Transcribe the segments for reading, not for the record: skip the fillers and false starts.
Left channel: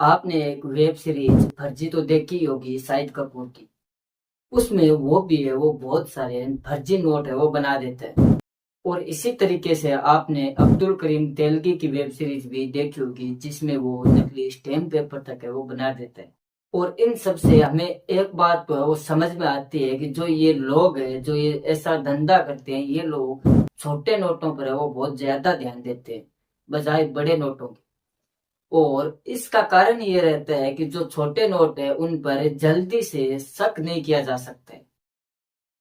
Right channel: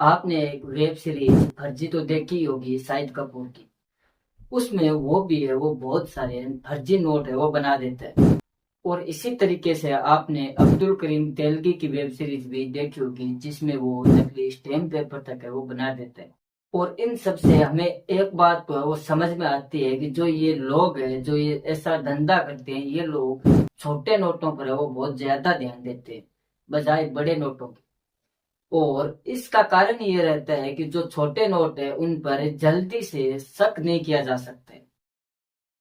आपने एक web series फर्जी तो देखी होगी शाहिद कपूर की। उसमें वो भी है, वो बहुत सारे फर्जी नोट है वो बना देता है। और इसी तरीके से आपने अब्दुल करीम तेलगी की वेब सीरीज भी देखी होगी, जिसमें वो नकली स्टैम्प पेपर तक है वो बना देता है। और इन सब से हमें एक बात तो है वो समझ में आती है कि जो ये लोग है, जो ये ऐसा धंधा करते हैं, ये लोग छोटे नोटों पर है वो बहुत ज्यादा ध्यान देते हैं बजाय बड़े नोटों के। और इसका कारण ये रहता है कि जो छोटे नोट है उन पर जल्दी से शक नहीं किया जा सकता है।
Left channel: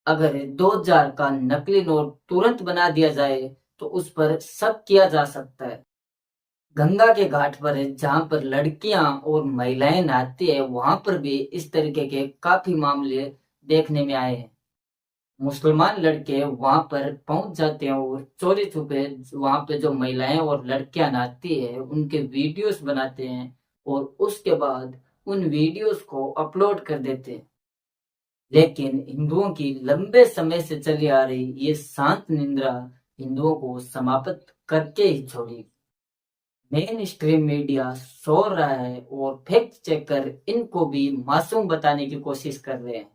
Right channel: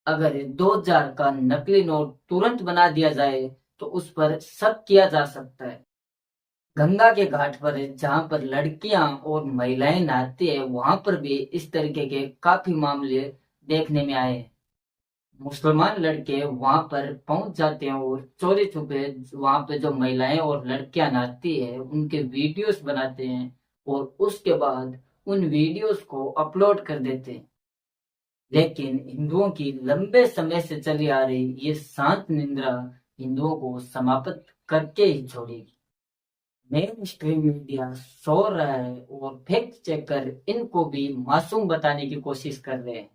अगर 2000 का नकली नोट तुरंत बना दिया जाए तो उस पर शक किया जा सकता है। गंगा के घाट पर जहां पर लड़कियां और महिलाएं नहाती है, वहां पर भी इस तरीके के काफी मामले देखने में आए हैं। मुसलमान लड़के वहां पर पहुंच जाते हैं और चोरी छुपे वहां पे जो महिलाएं और लड़कियां नहाती है उनके वीडियोस बनाते हैं और उसके बाद उन वीडियोस को अपलोड कर देते हैं। लेकिन हिंदुओं की लंबे समय से चली आ रही ये शांत निंद्रा हिंदुओं को समाप्त करके ही छोड़ेगी। मेन स्ट्रीम मीडिया सो रहा है और फैक्ट चेकर इनको भी मासूम बताने की कोशिश कर रहे हैं।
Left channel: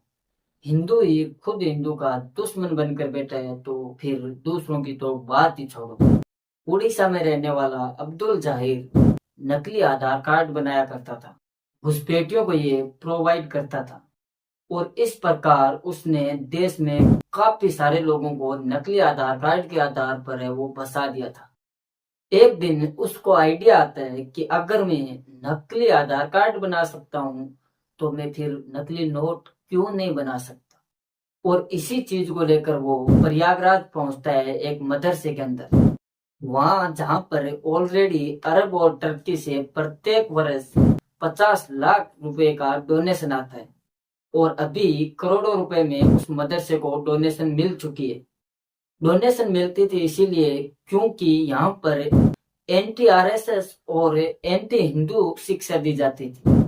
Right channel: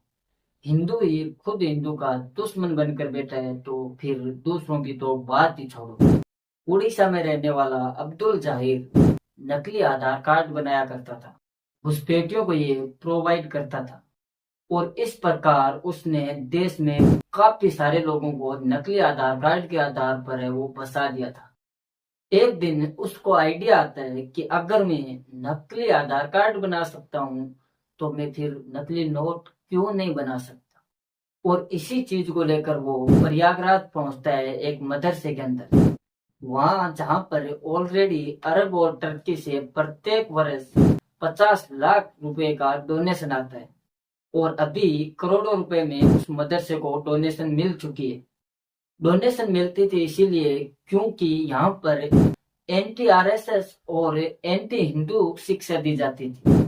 हिंदू ही खुद हिंदू का दुश्मन बनकर बैठा है तो फिर दूसरों की तो बात ही छोड़ो। उड़ीसा में रहने वाला अब्दुल जाहिर नकली आधार कार्ड बनाया करता था, घुसपैठियों को ये प्रोवाइड करता था और इस प्रकार उसने देश में काफी सारे लोगों को नकली आधार कार्ड के आधार पर है वो फंसा दिया था। एक दिन उसको आइडिया आता है कि अगर मैं नकली आधार कार्ड बना सकता हूँ तो मैं फिर नकली नोट क्यों नहीं बना सकता। और इसी चीज को लेकर वो प्रयागराज पहुंचता है एक मदरसे के अंदर, वहां जहां पर ऑलरेडी अरब और टर्की से प्रत्येक वर्ष 50 लाख रुपए का डोनेशन आता है और अभी करोड़ों रुपए में उस मदरसे को डोनेशन मिल चुकी है। डोनेशन मिलती थी इसीलिए क्योंकि यहाँ पर एंटी आरएसएस और एंटी हिंदू शिक्षा दी जाती थी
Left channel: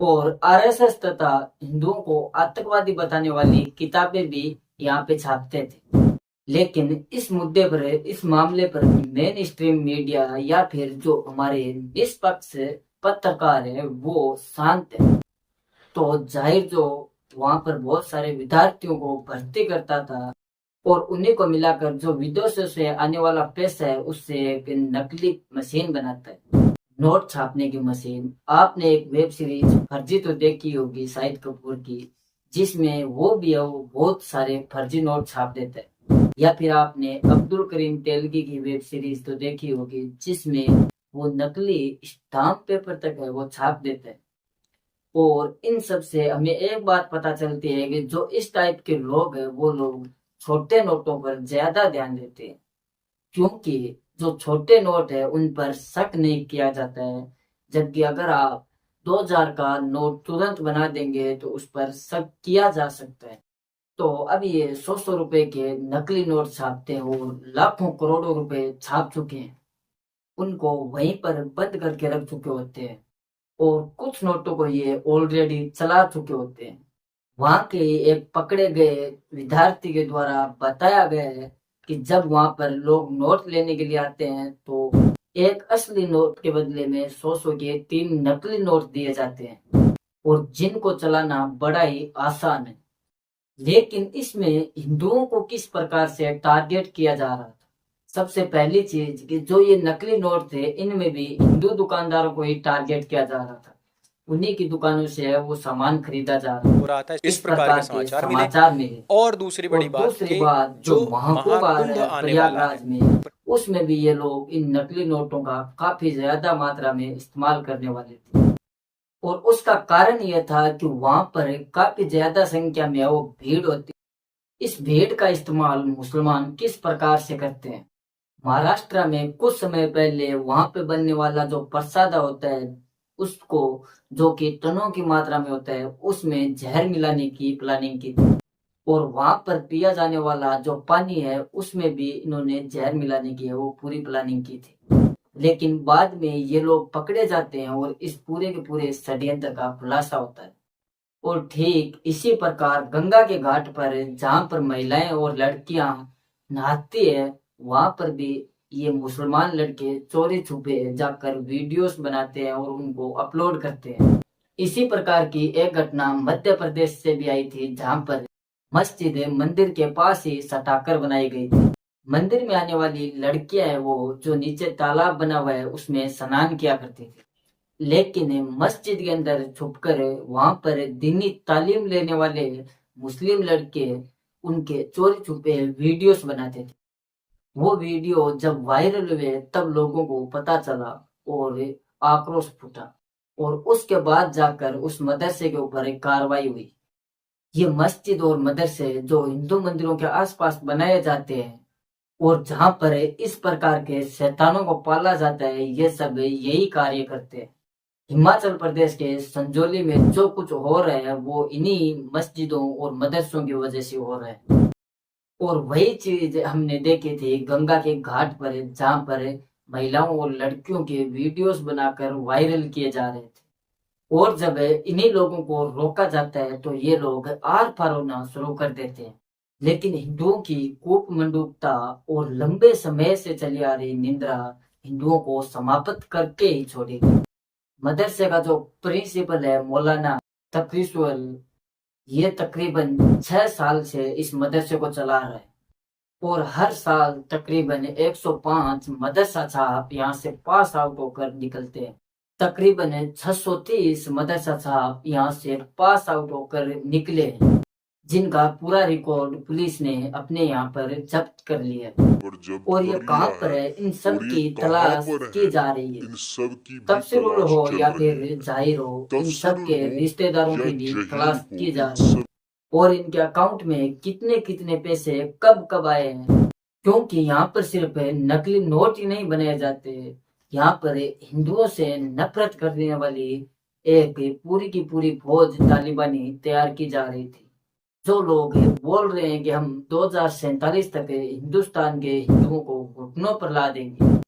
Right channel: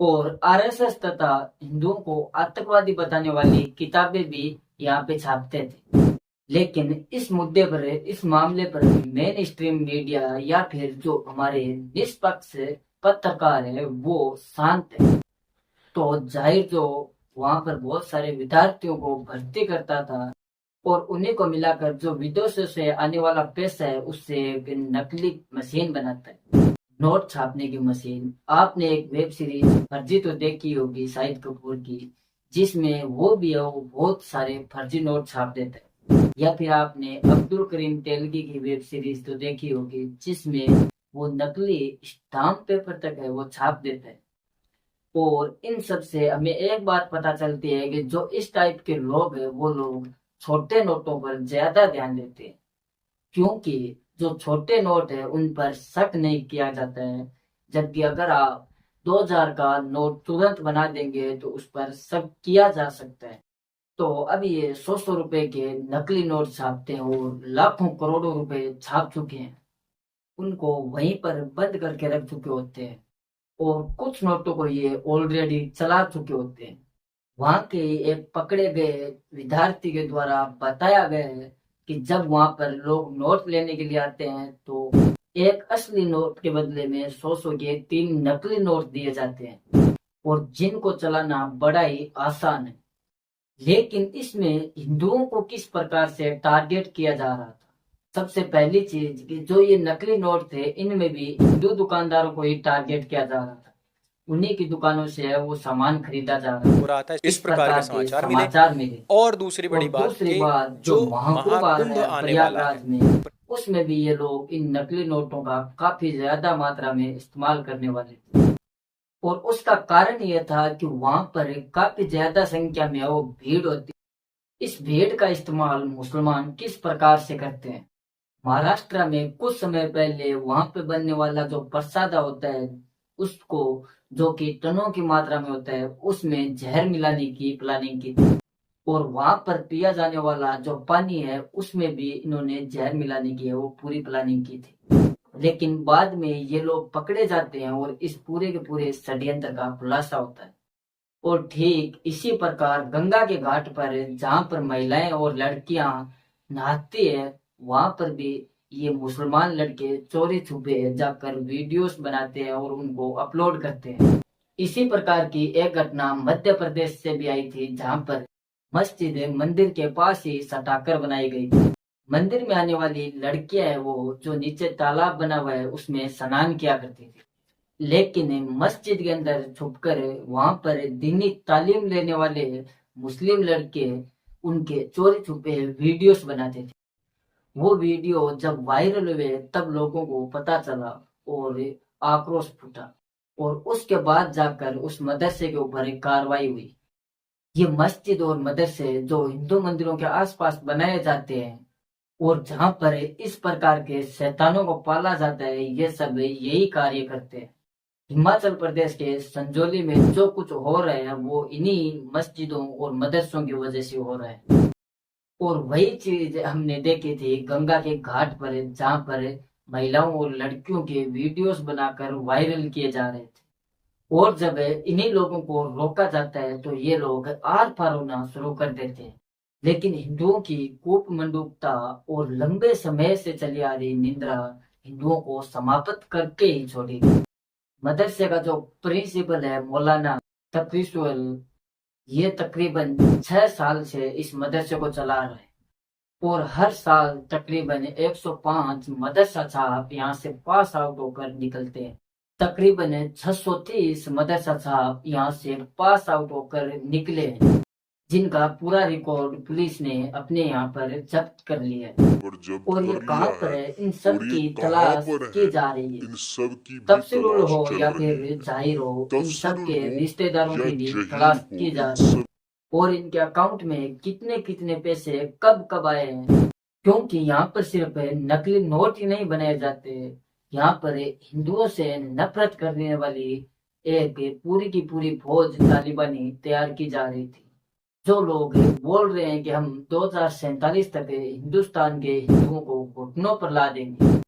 और आरएसएस तथा हिंदुओं को आतंकवादी बताने वाली किताबें भी यहाँ पे छापते थे। लेकिन इस मुद्दे पर, इस मामले पर मेन स्ट्रीम मीडिया या फिर जो हमारे निष्पक्ष पत्रकार है वो शांत है। तो जाहिर जो वहां पर बहुत सारे विद्यार्थियों को भर्ती करता था और उन्हीं को मिलाकर जो विदेशों से आने वाला पैसा है उससे एक नकली मशीन बनाता है, नोट छापने की मशीन। आपने एक वेब सीरीज फर्जी तो देखी होगी शाहिद कपूर की, जिसमें वो भी है वो बहुत सारे फर्जी नोट छाप देता है। या फिर आपने अब्दुल करीम तेलगी की वेब सीरीज तो देखी होगी, जिसमें वो नकली स्टाम्प पेपर तक है वो छाप देता है। और इन सब से हमें एक बात पता चलती है कि जो इस टाइप के लोग हैं वो लोग छोटे नोटों पर ज्यादा ध्यान देते हैं, क्योंकि जो छोटे नोट है उन पर शक नहीं किया जाता है। जबकि अगर आप 2000 का नोट तुरंत बना देंगे तो उस पर शक किया जा सकता है। तो अब ये 100 रुपए के नकली नोट छापते हैं और लाखों करोड़ों रुपए छाप चुके हैं, उनको वहीं पर बंद करके रख चुके होते हैं और कुछ नोटों को ये ऑलरेडी चला चुके होते हैं। वहां के एक पकड़े गए विद्यार्थी के द्वारा बताया गया है कि जब वहां पर लोग नोट लेने के लिए आते हैं तो एक असली नोट के बदले में 100 के 3 नकली नोट दिए जाते हैं और जिनको चलाना बड़ा ही आसान है। लेकिन इसमें हिंदुओं को किस प्रकार से टारगेट किया जा रहा था। सबसे पहली चीज कि जो ये नकली नोट थे इनमें भी हिंदू दुकानदारों को ही टारगेट किया जा रहा था, उन्हीं की दुकानों से वो सामान खरीदा जा रहा हो था। रहा था, इस इस प्रकार के प्रकार के समाचार मिले। समाचार मिले। और दूसरी और बड़ी बात दूसरी कि बात, जो जो महाकुंभ आ महाकुंभ रहा है आने वाला है, प्रयागराज में, उसमें भी ये लोग इन नकली नोटों का काफी ज्यादा मात्रा में इस्तेमाल करने वाले थे। और उसका कारण यह था कि वहां पर काफी ज्यादा संख्या में वो भीड़ होती। इस भीड़ का इस्तेमाल मुसलमान किस प्रकार से करते हैं। महाराष्ट्र में कुछ समय पहले वहां पे बनने वाला जो प्रसाद होता है उसको, जो कि टनों की मात्रा में होता है, उसमें जहर मिलाने की प्लानिंग की थी। और वहां पर पिया जाने वाला जो पानी है उसमें भी इन्होंने जहर मिलाने की है वो पूरी प्लानिंग की थी। लेकिन बाद में ये लोग पकड़े जाते हैं और इस पूरे के पूरे षड्यंत्र का खुलासा होता है। और ठीक इसी प्रकार गंगा के घाट पर जहां पर महिलाएं और लड़कियां नहाती है, वहां पर भी ये मुसलमान लड़के चोरी छुपे जाकर वीडियोस बनाते हैं और उनको अपलोड करते हैं। इसी प्रकार की एक घटना मध्य प्रदेश से भी आई थी, जहां पर मस्जिद मंदिर के पास ही सटाकर बनाई गई थी। मंदिर में आने वाली लड़कियां हैं वो जो नीचे तालाब बना हुआ है उसमें स्नान किया करती थी, लेकिन मस्जिद के अंदर छुपकर वहां पर दीनी तालीम लेने वाले मुस्लिम लड़के उनके चोरी छुपे वीडियोस बनाते थे। वो वीडियो जब वायरल हुए तब लोगों को पता चला और आक्रोश फूटा, और उसके बाद जाकर उस मदरसे के ऊपर एक कार्रवाई हुई। ये मस्जिद और मदरसे जो हिंदू मंदिरों के आसपास बनाए जाते हैं और जहां पर इस प्रकार के शैतानों को पाला जाता है, ये सब यही कार्य करते हैं। हिमाचल प्रदेश के संजौली में जो कुछ हो रहा है वो इन्हीं मस्जिदों और मदरसों की वजह से हो रहा है। और वही चीज हमने देखी थी गंगा के घाट पर, जहां पर महिलाओं और लड़कियों के वीडियोस बनाकर वायरल किए जा रहे थे। और जब इन्हीं लोगों को रोका जाता है तो ये लोग आर पार होना शुरू कर देते हैं। लेकिन हिंदुओं की कूपमंडूकता और लंबे समय से चली आ रही निंद्रा हिंदुओं को समाप्त करके ही छोड़ेगी। मदरसे का जो प्रिंसिपल है मौलाना तकरीसुल, ये तकरीबन 6 साल से इस मदरसे को चला रहा है और हर साल तकरीबन 105 मदरसा छाप यहाँ से पास आउट होकर निकलते हैं। तकरीबन 630 मदरसा छाप यहाँ से पास आउट होकर निकले हैं, जिनका पूरा रिकॉर्ड पुलिस ने अपने यहाँ पर जब्त कर लिया है। और ये कहाँ पर है, इन सब की तलाश की जा रही है। इन सब की भी तफसीरुल तलाश हो चल या रही है। फिर जाहिर हो, इन सब तफसीरुल के हो रिश्तेदारों या की भी जहीर तलाश हो, की जा इन रही है। सब और इनके अकाउंट में कितने कितने पैसे कब कब आए हैं, क्योंकि यहाँ पर सिर्फ नकली नोट ही नहीं बनाए जाते, यहाँ पर हिंदुओं से नफरत करने वाली एक पूरी की पूरी फौज तालिबानी तैयार की जा रही थी। जो लोग बोल रहे हैं कि हम 2047 तक हिंदुस्तान के हिंदुओं को घुटनों पर ला देंगे,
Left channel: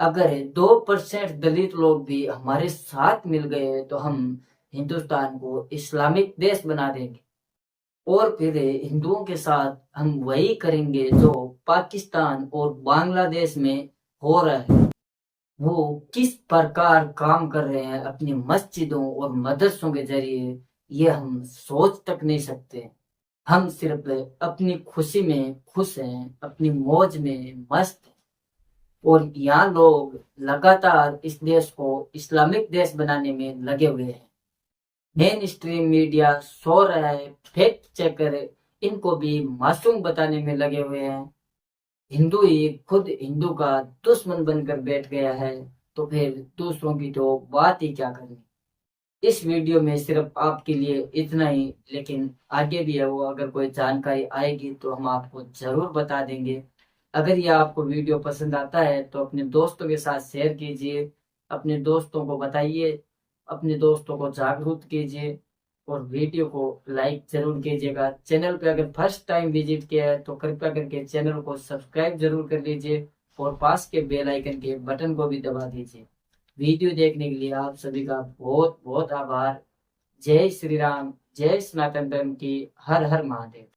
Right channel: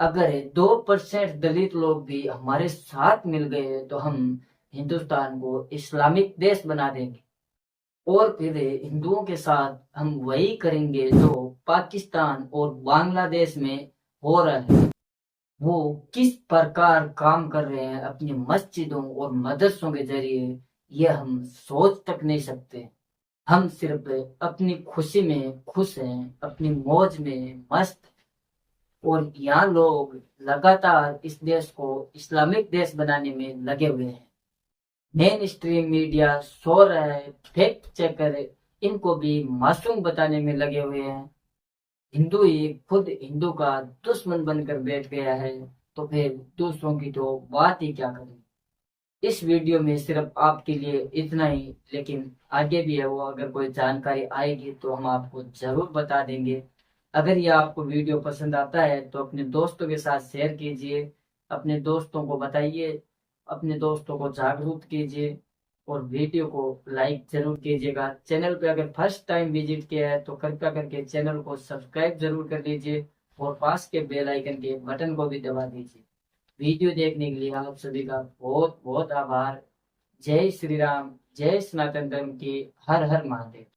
अगर 2% दलित लोग भी हमारे साथ मिल गए तो हम हिंदुस्तान को इस्लामिक देश बना देंगे। और फिर हिंदुओं के साथ हम वही करेंगे जो पाकिस्तान और बांग्लादेश में हो रहा है। वो किस प्रकार काम कर रहे हैं अपनी मस्जिदों और मदरसों के जरिए, ये हम सोच तक नहीं सकते। हम सिर्फ अपनी खुशी में खुश हैं, अपनी मौज में मस्त हैं। और यहाँ लोग लगातार इस देश को इस्लामिक देश बनाने में लगे हुए हैं। मेन स्ट्रीम मीडिया सो रहा है, फैक्ट चेकर इनको भी मासूम बताने में लगे हुए हैं। हिंदू ही खुद हिंदू का दुश्मन बनकर बैठ गया है, तो फिर दूसरों की तो बात ही क्या करनी। इस वीडियो में सिर्फ आपके लिए इतना ही, लेकिन आगे भी है वो, अगर कोई जानकारी आएगी तो हम आपको जरूर बता देंगे। अगर यह आपको वीडियो पसंद आता है तो अपने दोस्तों के साथ शेयर कीजिए, अपने दोस्तों को बताइए, अपने दोस्तों को जागरूक कीजिए और वीडियो को लाइक जरूर कीजिएगा। चैनल पे अगर फर्स्ट टाइम विजिट किया है तो कृपया करके चैनल को सब्सक्राइब जरूर कर लीजिए और पास के बेल आइकन के बटन को भी दबा दीजिए। वीडियो देखने के लिए आप सभी का बहुत बहुत आभार। जय श्री राम, जय सनातन धर्म की, हर हर महादेव।